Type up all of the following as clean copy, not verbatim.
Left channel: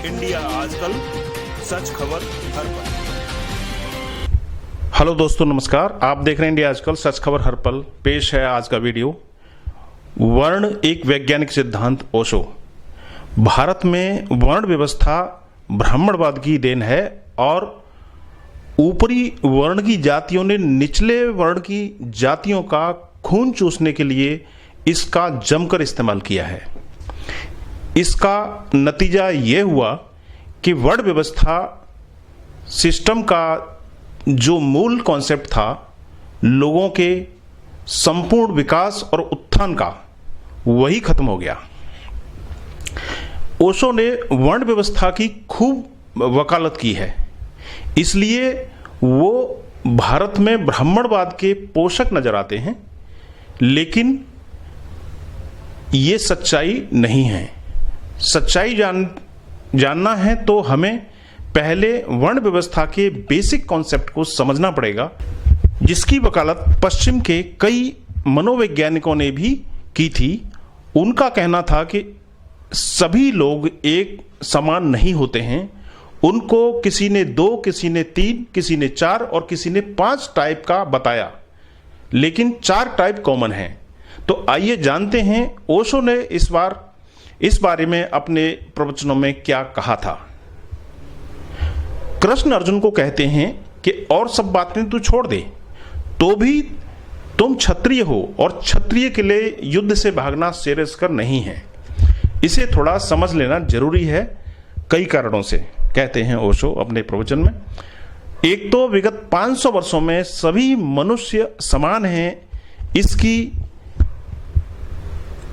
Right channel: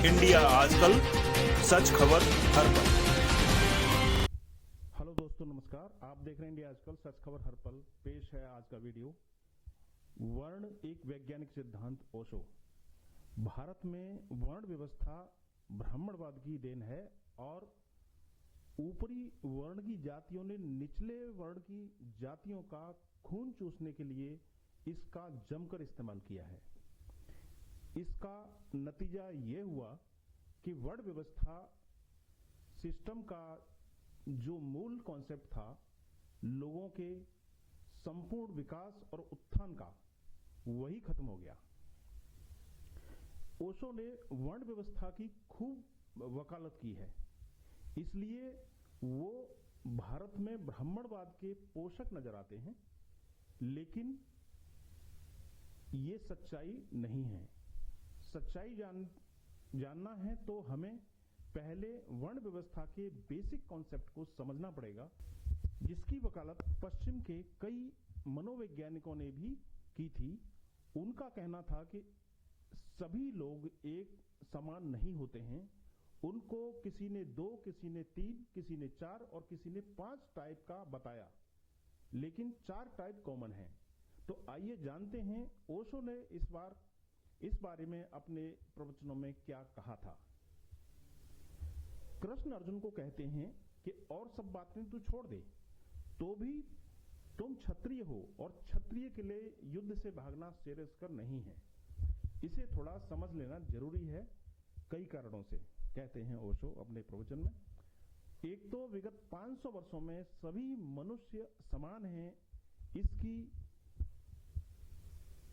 India आजकल, सच खबर हर पल। हेलो दोस्तों, नमस्कार। आप देख रहे हैं इंडिया आजकल, सच खबर हर पल। पेश है आज का वीडियो। वर्ण एक वैज्ञानिक सिद्धांत ओशो। भारत में वर्ण व्यवस्था ब्राह्मणवाद की देन है और ऊपरी वर्ण की जातियों ने निचले वर्ण की जातियों का खून चूसने के लिए इसका जमकर इस्तेमाल किया है। इसका नतीजा यह हुआ कि वर्ण व्यवस्था सिस्टम का जो मूल कॉन्सेप्ट था, लोगों के संपूर्ण विकास और उत्थान का, वही खत्म हो गया। ओशो ने वर्ण व्यवस्था की खूब वकालत की है, इसलिए वो भारत में ब्राह्मणवाद के पोषक नजर आते हैं, लेकिन ये सच्चाई नहीं है। सच्चाई जानना है तो हमें पहले वर्ण व्यवस्था के बेसिक कॉन्सेप्ट को समझना पड़ेगा, जिसकी वकालत पश्चिम के कई मनोवैज्ञानिकों ने भी की थी। उनका कहना था कि सभी लोग एक समान नहीं होते हैं। उनको किसी ने 2, किसी ने 3, किसी ने 4 और किसी ने 5 टाइप का बताया, लेकिन 4 टाइप कॉमन हैं। तो आइए जानते हैं ओशो ने इस बारे में अपने प्रवचनों में क्या कहा था। कृष्ण अर्जुन को कहते हैं कि और सब बातें तू छोड़ दे, तो भी तुम क्षत्रिय हो और क्षत्रिय के लिए युद्ध से भागना श्रेयस्कर नहीं है। इसे थोड़ा समझ लेना जरूरी है कई कारणों से, कहते हैं ओशो अपने प्रवचन में। एक तो विगत 500 वर्षों में सभी मनुष्य समान हैं,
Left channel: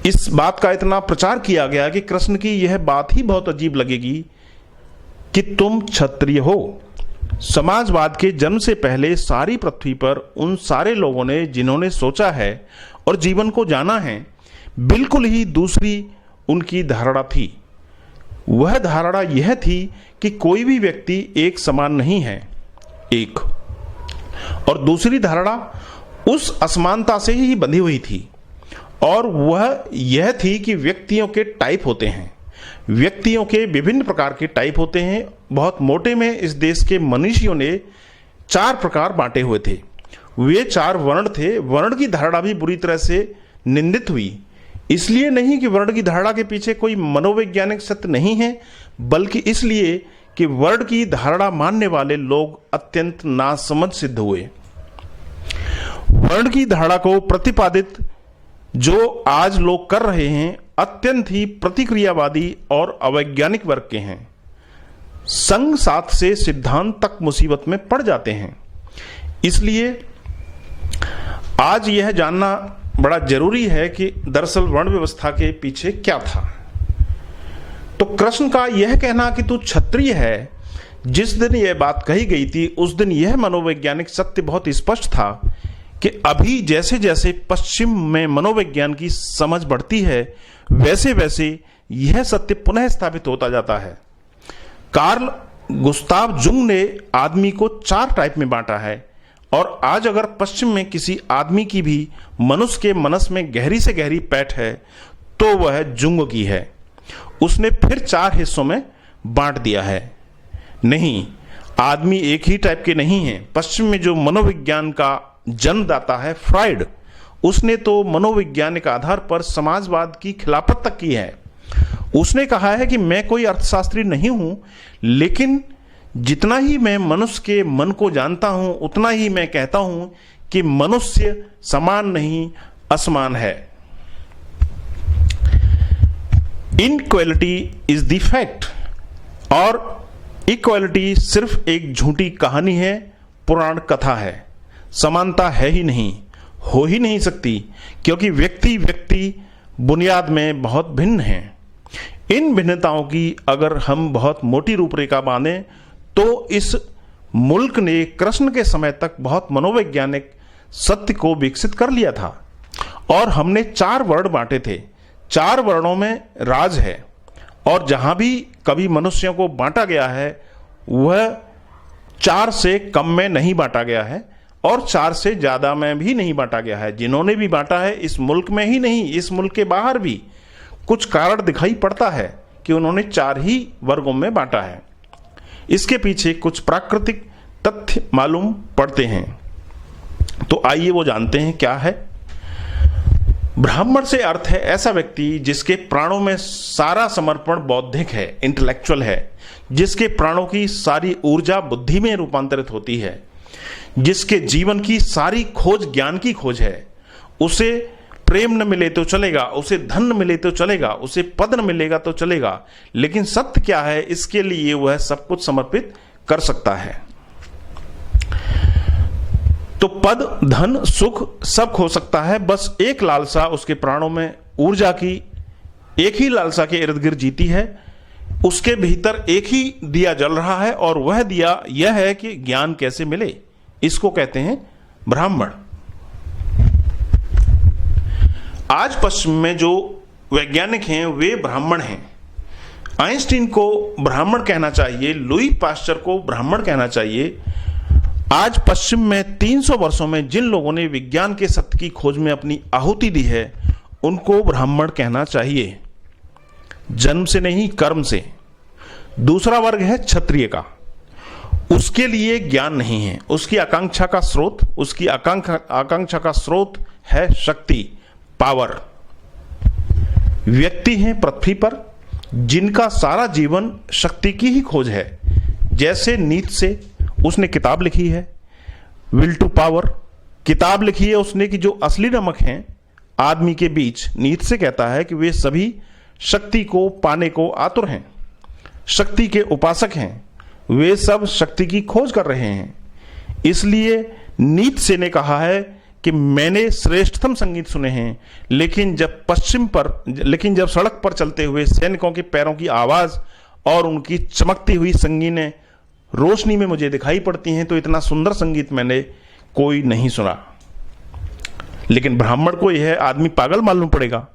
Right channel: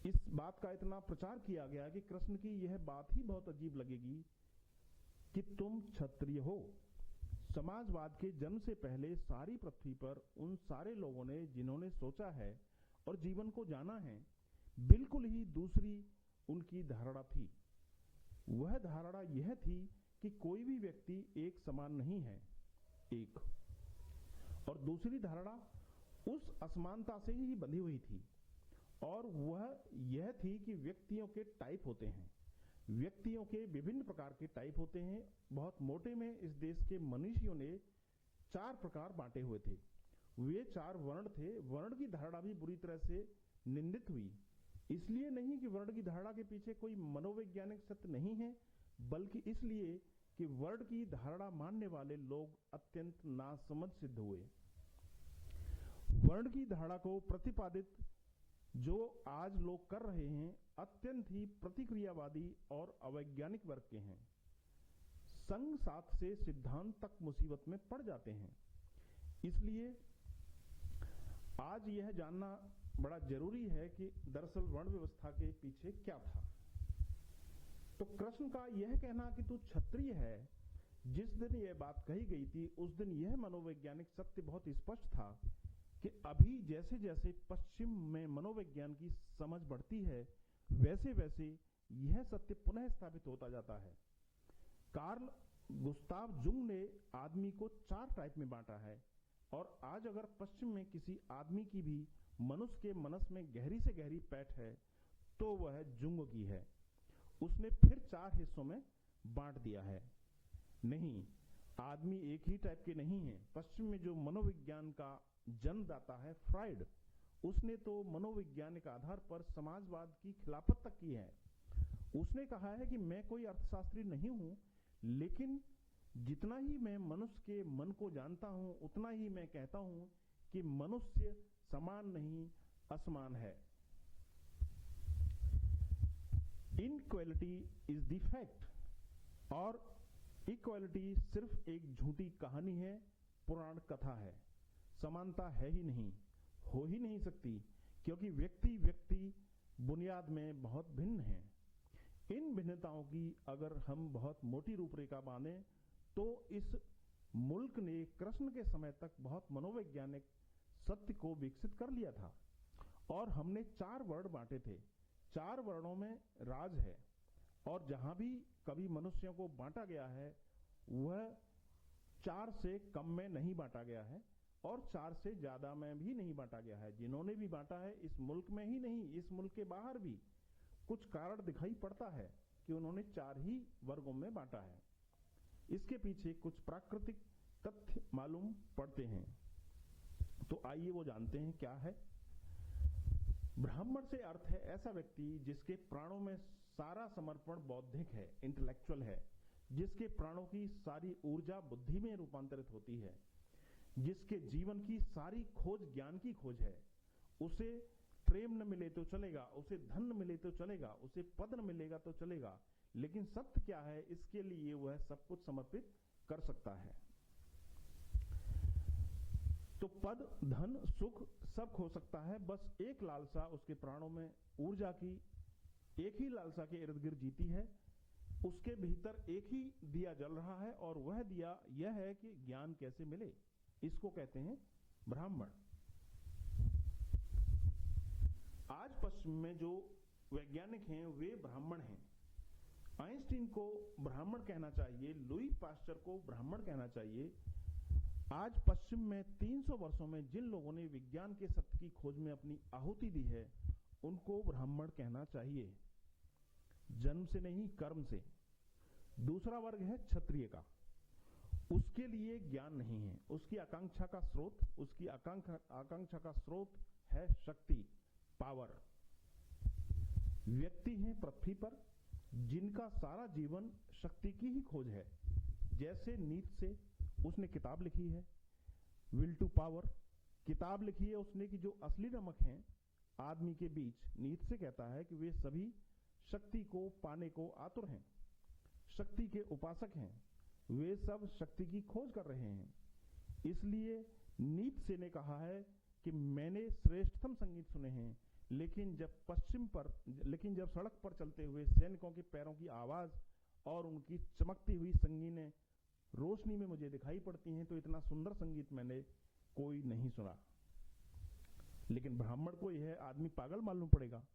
इस बात का इतना प्रचार किया गया कि कृष्ण की यह बात ही बहुत अजीब लगेगी कि तुम क्षत्रिय हो। समाजवाद के जन्म से पहले सारी पृथ्वी पर उन सारे लोगों ने जिन्होंने सोचा है और जीवन को जाना है, बिल्कुल ही दूसरी उनकी धारणा थी। वह धारणा यह थी कि कोई भी व्यक्ति एक समान नहीं है, एक, और दूसरी धारणा उस असमानता से ही बंधी हुई थी, और वह यह थी कि व्यक्तियों के टाइप होते हैं। व्यक्तियों के विभिन्न प्रकार के टाइप होते हैं। बहुत मोटे में इस देश के मनीषियों ने 4 प्रकार बांटे हुए थे। वे 4 वर्ण थे। वर्ण की धारणा भी बुरी तरह से निंदित हुई, इसलिए नहीं कि वर्ण की धारणा के पीछे कोई मनोवैज्ञानिक सत्य नहीं है, बल्कि इसलिए कि वर्ण की धारणा मानने वाले लोग अत्यंत नासमझ सिद्ध हुए। वर्ण की धारणा को प्रतिपादित जो आज लोग कर रहे हैं, अत्यंत ही प्रतिक्रियावादी और अवैज्ञानिक वर्ग के हैं। संग साथ से सिद्धांत तक मुसीबत में पड़ जाते हैं। इसलिए आज यह जानना बड़ा जरूरी है कि दरअसल वर्ण व्यवस्था के पीछे क्या था। तो कृष्ण का यह कहना कि तू क्षत्रिय है, जिस दिन यह बात कही गई थी उस दिन यह मनोवैज्ञानिक सत्य बहुत स्पष्ट था कि अभी जैसे जैसे पश्चिम में मनोविज्ञान की समझ बढ़ती है, वैसे वैसे यह सत्य पुनः स्थापित होता जाता है। कार्ल गुस्ताव जुंग ने आदमी को 4 टाइप में बांटा है, और आज अगर पश्चिम में किसी आदमी की भी मनुष्य के मनस में गहरी से गहरी पैठ है, तो वह जुंग की है। उसने फिर 4 हिस्सों में बांट दिया है। नहीं, आदमी एक ही टाइप के नहीं है। पश्चिम में जो मनोविज्ञान का जन्मदाता है फ्राइड, उसने तो मनोवैज्ञानिक आधार पर समाजवाद की खिलाफत तक की है। उसने कहा है कि मैं कोई अर्थशास्त्री नहीं हूं, लेकिन जितना ही मैं मनुष्य के मन को जानता हूं, उतना ही मैं कहता हूं कि मनुष्य समान नहीं, असमान है। इनइक्वालिटी इज द फैक्ट, और इक्वालिटी सिर्फ एक झूठी कहानी है, पुराण कथा है। समानता है ही नहीं, हो ही नहीं सकती, क्योंकि व्यक्ति बुनियाद में बहुत भिन्न हैं। इन भिन्नताओं की अगर हम बहुत मोटी रूपरेखा बांधें, तो इस मुल्क ने कृष्ण के समय तक बहुत मनोवैज्ञानिक सत्य को विकसित कर लिया था, और हमने 4 वर्ण बांटे थे। 4 वर्णों में राज है, और जहां भी कभी मनुष्यों को बांटा गया है, वह 4 से कम में नहीं बांटा गया है, और 4 से ज्यादा में भी नहीं बांटा गया है। जिन्होंने भी बांटा है, इस मुल्क में ही नहीं, इस मुल्क के बाहर भी कुछ कारण दिखाई पड़ता है कि उन्होंने 4 ही वर्गों में बांटा है। इसके पीछे कुछ प्राकृतिक तथ्य मालूम पड़ते हैं, तो आइए वो जानते हैं क्या है। ब्राह्मण से अर्थ है ऐसा व्यक्ति जिसके प्राणों में सारा समर्पण बौद्धिक है, इंटेलेक्चुअल है, जिसके प्राणों की सारी ऊर्जा बुद्धि में रूपांतरित होती है, जिसके जीवन की सारी खोज ज्ञान की खोज है। उसे प्रेम न मिले तो चलेगा, उसे धन न मिले तो चलेगा, उसे पद न मिलेगा तो चलेगा, लेकिन सत्य क्या है इसके लिए वह सब कुछ समर्पित कर सकता है। तो पद, धन, सुख सब खो सकता है, बस एक लालसा उसके प्राणों में ऊर्जा की एक ही लालसा के इर्द गिर्द जीती है। उसके भीतर एक ही दिया जल रहा है और वह दिया यह है कि ज्ञान कैसे मिले, इसको कहते हैं ब्राह्मण। आज पश्चिम में जो वैज्ञानिक हैं वे ब्राह्मण हैं। आइंस्टीन को ब्राह्मण कहना चाहिए, लुई पास्चर को ब्राह्मण कहना चाहिए। आज पश्चिम में 300 वर्षों में जिन लोगों ने विज्ञान के सत्य की खोज में अपनी आहुति दी है उनको ब्राह्मण कहना चाहिए, जन्म से नहीं कर्म से। दूसरा वर्ग है क्षत्रिय का। उसके लिए ज्ञान नहीं है, उसकी आकांक्षा का स्रोत, उसकी आकांक्षा का स्रोत है शक्ति, पावर। व्यक्ति हैं पृथ्वी पर जिनका सारा जीवन शक्ति की ही खोज है। जैसे नीत्शे, उसने किताब लिखी है विल टू पावर, किताब लिखी है उसने कि जो असली नमक हैं आदमी के बीच, नीत्शे कहता है कि वे सभी शक्ति को पाने को आतुर हैं, शक्ति के उपासक हैं, वे सब शक्ति की खोज कर रहे हैं। इसलिए नीत्शे ने कहा है कि मैंने श्रेष्ठतम संगीत सुने हैं, लेकिन जब सड़क पर चलते हुए सैनिकों के पैरों की आवाज और उनकी चमकती हुई संगीनें रोशनी में मुझे दिखाई पड़ती हैं तो इतना सुंदर संगीत मैंने कोई नहीं सुना। लेकिन ब्राह्मण को यह आदमी पागल मालूम पड़ेगा।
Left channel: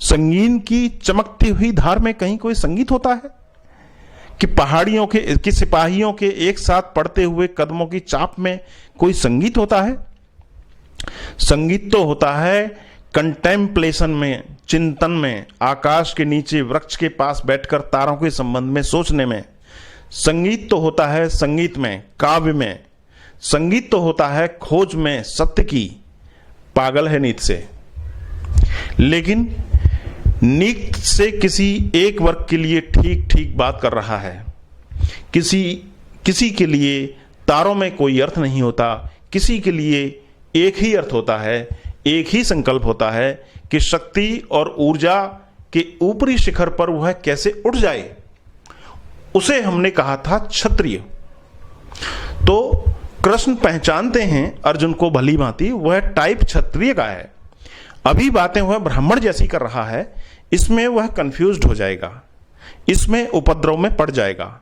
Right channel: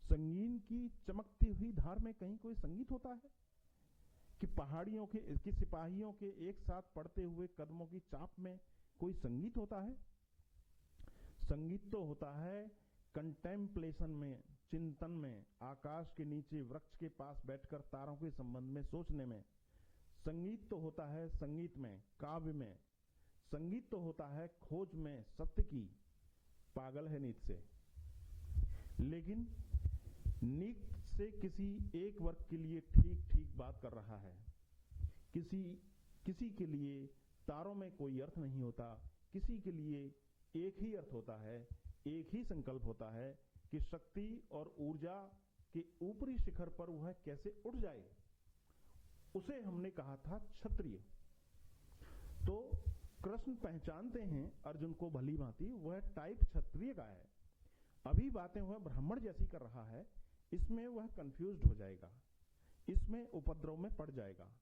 संगीन की चमकती हुई धार में कहीं कोई संगीत होता है कि पहाड़ियों के सिपाहियों के एक साथ पड़ते हुए कदमों की चाप में कोई संगीत होता है? संगीत तो होता है कंटेम्पलेशन में, चिंतन में, आकाश के नीचे वृक्ष के पास बैठकर तारों के संबंध में सोचने में। संगीत तो होता है संगीत में, काव्य में। संगीत तो होता है खोज में सत्य की। पागल है नीत्शे। लेकिन नीत्शे किसी एक वर्ग के लिए ठीक ठीक बात कर रहा है। किसी के लिए तारों में कोई अर्थ नहीं होता, किसी के लिए एक ही अर्थ होता है, एक ही संकल्प होता है कि शक्ति और ऊर्जा के ऊपरी शिखर पर वह कैसे उठ जाए। उसे हमने कहा था क्षत्रिय। तो कृष्ण पहचानते हैं अर्जुन को भली भांति, वह टाइप क्षत्रिय का है। अभी बातें वह ब्राह्मण जैसी कर रहा है, इसमें वह कंफ्यूज्ड हो जाएगा, इसमें उपद्रव में पड़ जाएगा।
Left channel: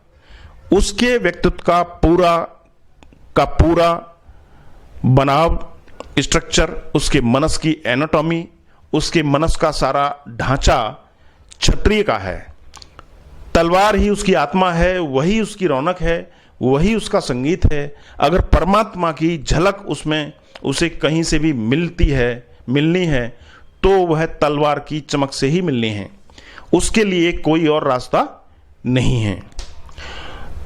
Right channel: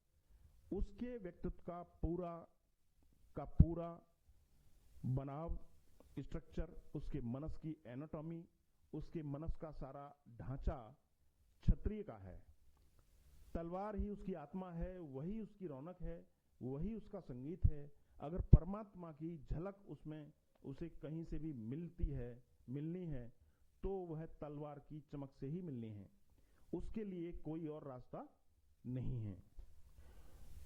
उसके व्यक्तित्व का पूरा बनाव, स्ट्रक्चर, उसके मनस की एनाटॉमी, उसके मनस का सारा ढांचा क्षत्रिय का है। तलवार ही उसकी आत्मा है, वही उसकी रौनक है, वही उसका संगीत है। अगर परमात्मा की झलक उसमें उसे कहीं से भी मिलनी है तो वह तलवार की चमक से ही मिलनी है, उसके लिए कोई और रास्ता नहीं है।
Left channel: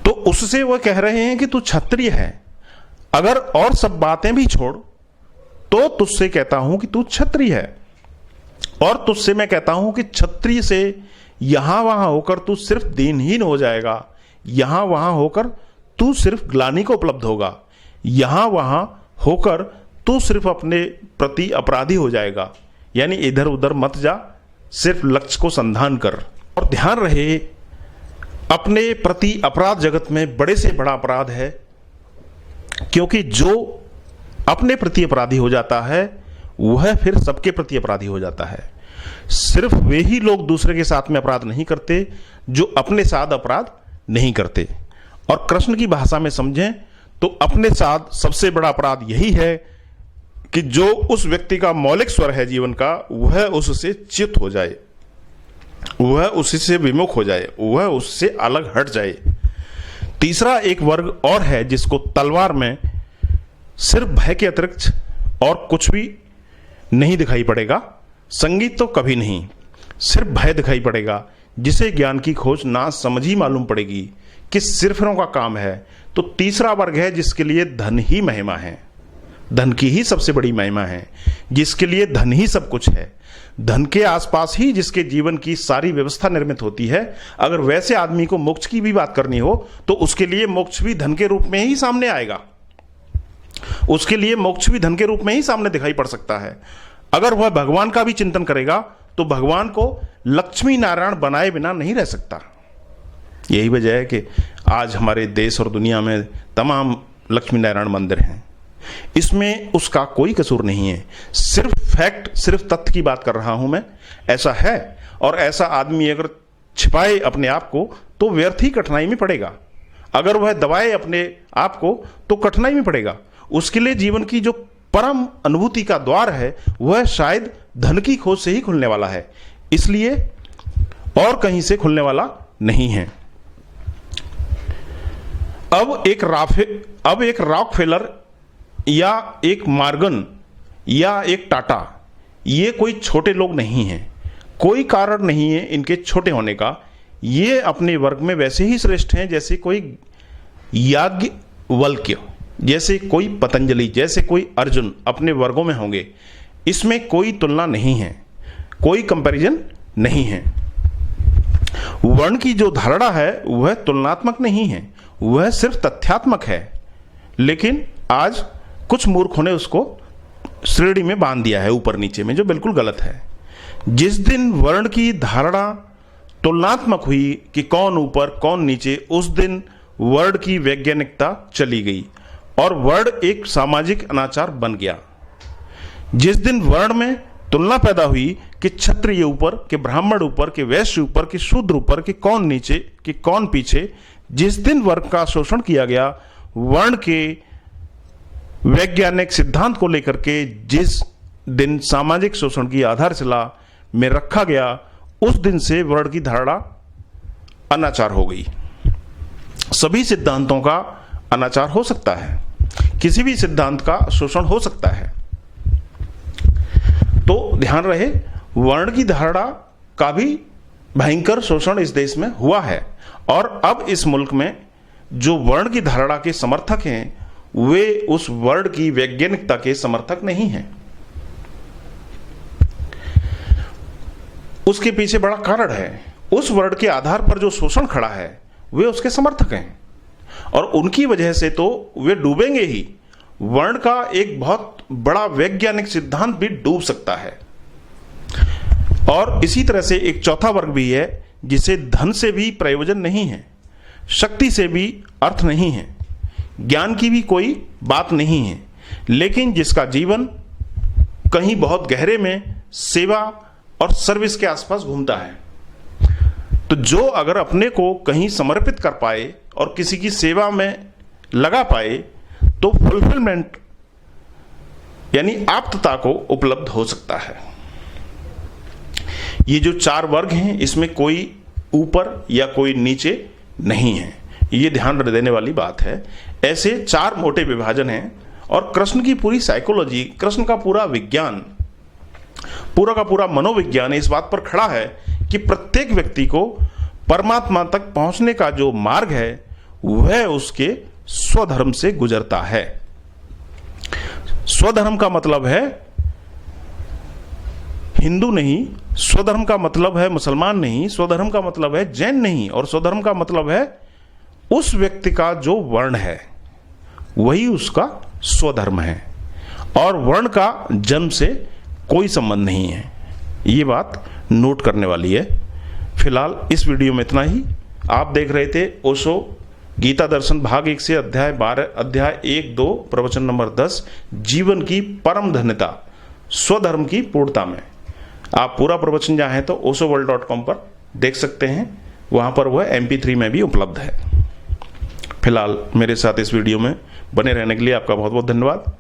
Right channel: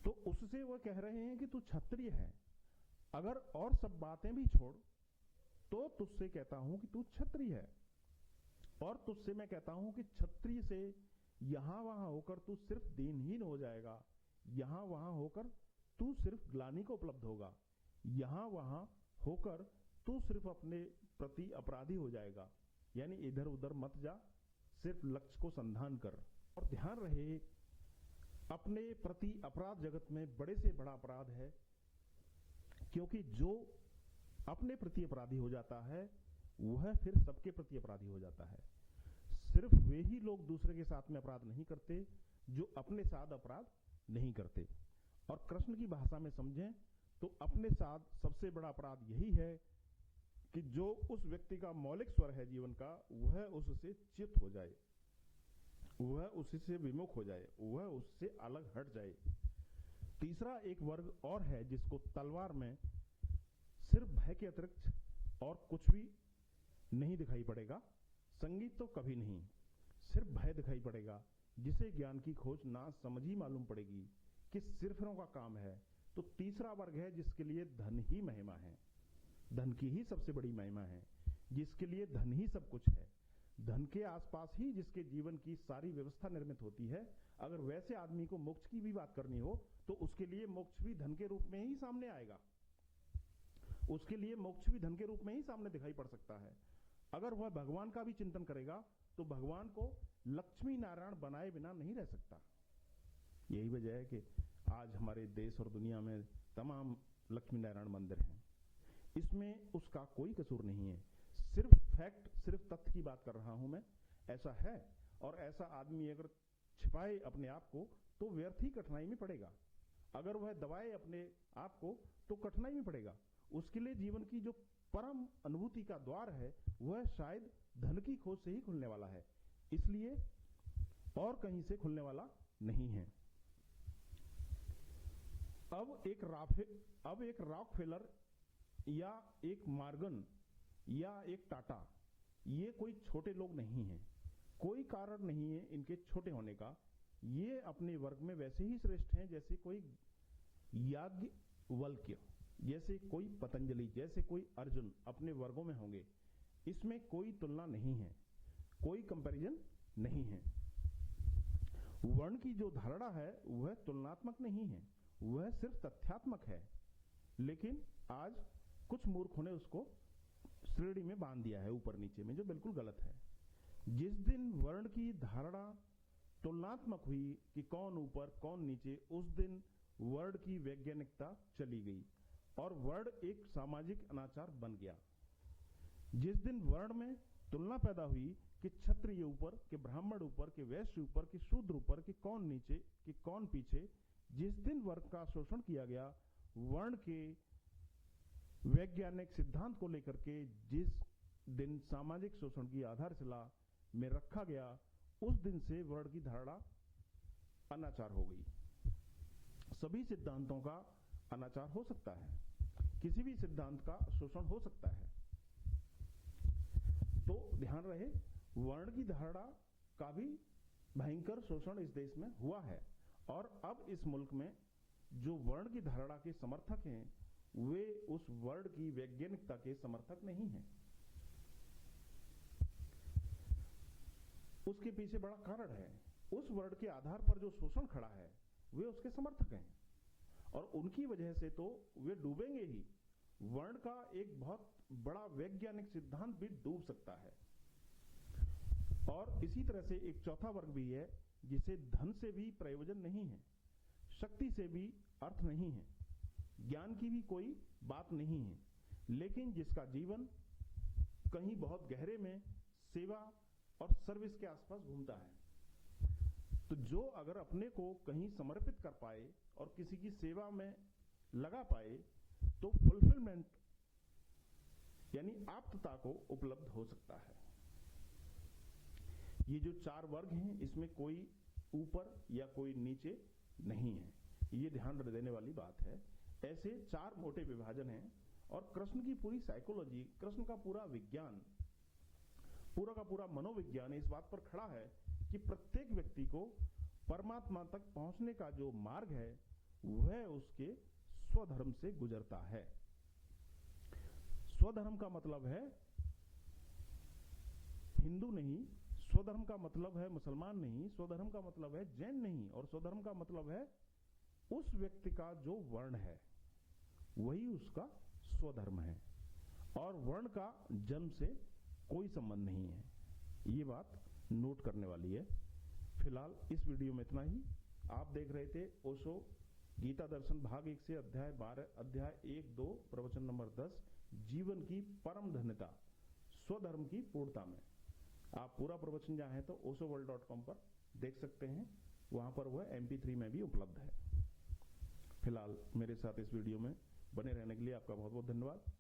तो उससे वह कह रहे हैं कि तू क्षत्रिय है। अगर और सब बातें भी छोड़ तो तुझसे कहता हूं कि तू क्षत्रिय है, और तुझसे मैं कहता हूं कि क्षत्रिय से यहां वहां होकर तू सिर्फ दीनहीन हो जाएगा, यहां वहां होकर तू सिर्फ ग्लानि को उपलब्ध होगा, यहां वहां होकर तू सिर्फ अपने प्रति अपराधी हो जाएगा। यानी इधर उधर मत जा, सिर्फ लक्ष्य को संधान कर। और ध्यान रहे, अपने प्रति अपराध जगत में बड़े से बड़ा अपराध है, क्योंकि जो अपने प्रति अपराधी हो जाता है वह फिर सबके प्रति अपराधी हो जाता है। सिर्फ वे ही लोग दूसरे के साथ में अपराध नहीं करते जो अपने साथ अपराध नहीं करते। और कृष्ण की भाषा में समझें तो अपने साथ सबसे बड़ा अपराध यही है कि जो उस व्यक्ति का मौलिक स्वर है जीवन का, वह उससे च्युत हो जाए, वह उसी से विमुख हो जाए, वह उससे अलग हट जाए। तीसरा एक वर्ग और है जिसको तलवार में सिर्फ भय के अतिरिक्त और कुछ भी नहीं दिखाई पड़ेगा। संगीत तो कभी नहीं, सिर्फ भय दिखाई पड़ेगा। जिसे ज्ञान की खोज ना समझ ही मालूम पड़ेगी कि सिरफिरों का काम है। तो तीसरा वर्ग है जिसके लिए धन ही महिमा है, धन की ही सबसे बड़ी महिमा है, जिसके लिए धन ही सब कुछ है, धन के आसपास ही जिसके जीवन की सारी व्यवस्था निर्मित होती है। अगर वैसे आदमी को मोक्ष की भी बात करनी हो तो उसके लिए मोक्ष भी धन के रूप में ही सामने आएगा, उसके लिए मोक्ष भी धन के रूप में ही सामने दिखाई पड़ सकता है। अगर वह भगवान का भी चिंतन करेगा तो भगवान को लक्ष्मी नारायण बनाए बिना नहीं रह सकता। यही वजह है कि आज हमारे देश और दुनिया में तमाम लक्ष्मी नारायण मंदिर हैं। इसमें उसका कोई कसूर नहीं है, सिर्फ फैक्ट, सिर्फ तथ्य की बात कर रहा हूं मैं। ऐसा है, और ऐसा आदमी अगर छिपाए अपने आप को तो व्यर्थ ही कठिनाई में पड़ेगा। अगर वह दबाए अपने आप को तो कठिनाई में पड़ेगा। उसके लिए जीवन की जो परम अनुभूति का द्वार है वह शायद धन की खोज से ही खुलने वाला है, इसलिए और कहीं से खुलने वाला नहीं है। अब एक रॉकफेलर या एक मॉर्गन या एक टाटा, ये कोई छोटे लोग नहीं हैं, कोई कारण नहीं है इनके छोटे होने का। ये अपने वर्ग में वैसे ही श्रेष्ठ हैं जैसे कोई याज्ञवल्क्य, जैसे कोई पतंजलि, जैसे कोई अर्जुन अपने वर्गों में होंगे। इसमें कोई तुलना नहीं है, कोई कंपैरिजन नहीं है। वर्ण की जो धारणा है वह तुलनात्मक नहीं है, वह सिर्फ तथ्यात्मक है। लेकिन आज कुछ मूर्खों ने उसको श्रेणी में बांध दिया है ऊपर नीचे में, जो बिल्कुल गलत है। जिस दिन वर्ण की धारणा तुलनात्मक हुई कि कौन ऊपर कौन नीचे, उस दिन वर्ण की वैज्ञानिकता चली गई और वर्ण एक सामाजिक अनाचार बन गया। जिस दिन वर्ण में तुलना पैदा हुई कि क्षत्रिय ऊपर, कि ब्राह्मण ऊपर, कि वैश्य ऊपर, कि शूद्र ऊपर, कि कौन नीचे, कि कौन पीछे, जिस दिन वर्ग का शोषण किया गया, वर्ण के वैज्ञानिक सिद्धांत को लेकर के जिस दिन सामाजिक शोषण की आधारशिला में रखा गया, उस दिन से वर्ण की धारणा अनाचार हो गई। सभी सिद्धांतों का अनाचार हो सकता है, किसी भी सिद्धांत का शोषण हो सकता है। तो ध्यान रहे, वर्ण की धारणा का भी भयंकर शोषण इस देश में हुआ है, और अब इस मुल्क में जो वर्ण की धारणा के समर्थक हैं वे उस वर्ण की वैज्ञानिकता के समर्थक नहीं हैं। उसके पीछे बड़ा कारण है, उस वर्ण के आधार पर जो शोषण खड़ा है वे उसके समर्थक हैं, और उनकी वजह से तो वे डूबेंगे ही। वर्ण का एक बहुत बड़ा वैज्ञानिक सिद्धांत भी डूब सकता है। और इसी तरह से एक चौथा वर्ग भी है जिसे धन से भी प्रयोजन नहीं है, शक्ति से भी अर्थ नहीं है, ज्ञान की भी कोई बात नहीं है, लेकिन जिसका जीवन कहीं बहुत गहरे में सेवा और सर्विस के आसपास घूमता है। तो जो अगर अपने को कहीं समर्पित कर पाए और किसी की सेवा में लगा पाए तो फुलफिलमेंट यानी आप्तता को उपलब्ध हो सकता है। ये जो चार वर्ग हैं इसमें कोई ऊपर या कोई नीचे नहीं है, ये ध्यान देने वाली बात है। ऐसे चार मोटे विभाजन हैं और कृष्ण की पूरी साइकोलॉजी, कृष्ण का पूरा विज्ञान, पूरा का पूरा मनोविज्ञान इस बात पर खड़ा है कि प्रत्येक व्यक्ति को परमात्मा तक पहुंचने का जो मार्ग है वह उसके स्वधर्म से गुजरता है। स्वधर्म का मतलब है हिंदू नहीं, स्वधर्म का मतलब है मुसलमान नहीं, स्वधर्म का मतलब है जैन नहीं, और स्वधर्म का मतलब है उस व्यक्ति का जो वर्ण है वही उसका स्वधर्म है, और वर्ण का जन्म से कोई संबंध नहीं है। ये बात नोट करने वाली है। फिलहाल इस वीडियो में इतना ही। आप देख रहे थे ओशो गीता दर्शन भाग 1 से अध्याय 12, अध्याय 1-2, प्रवचन नंबर 10, जीवन की परम धन्यता स्वधर्म की पूर्णता में। आप पूरा प्रवचन चाहें तो oshoworld.com पर देख सकते हैं, वहां पर वह MP3 में भी उपलब्ध है। फिलहाल मेरे साथ इस वीडियो में बने रहने के लिए आपका बहुत बहुत धन्यवाद।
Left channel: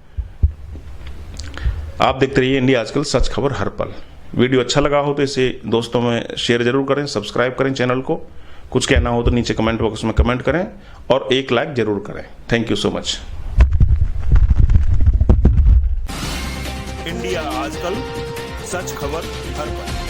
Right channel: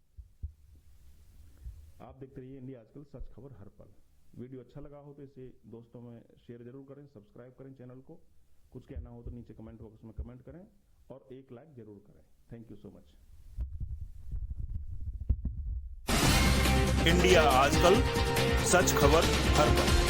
आप देखते रहिए इंडिया आजकल, सच खबर हर पल। वीडियो अच्छा लगा हो तो इसे दोस्तों में शेयर जरूर करें, सब्सक्राइब करें चैनल को। कुछ कहना हो तो नीचे कमेंट बॉक्स में कमेंट करें और एक लाइक जरूर करें। Thank you so much. India आजकल, सच खबर हर पल।